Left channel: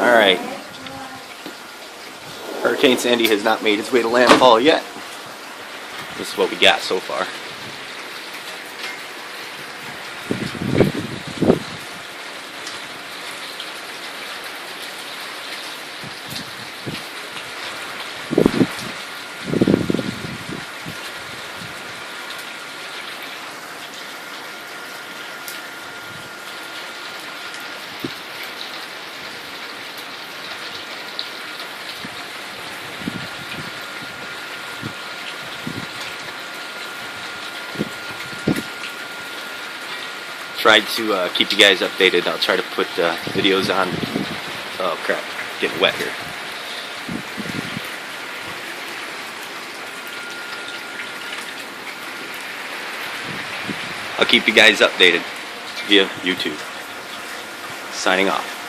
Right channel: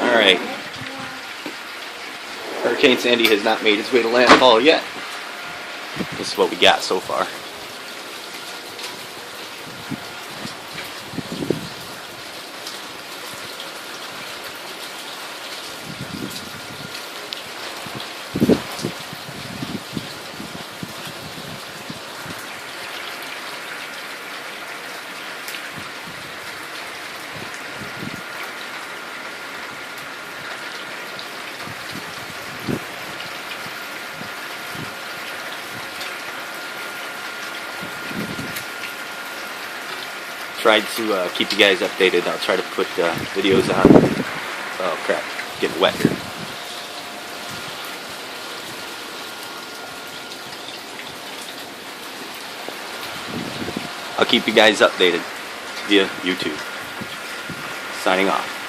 Alright. Hurricane Sandy has not made its way to landfall yet. This is what we got so far. Tried to keep you guys updated. I'll try to put videos on. Oh crap, getting wet here. I'll keep you guys updated via YouTube. Signing off.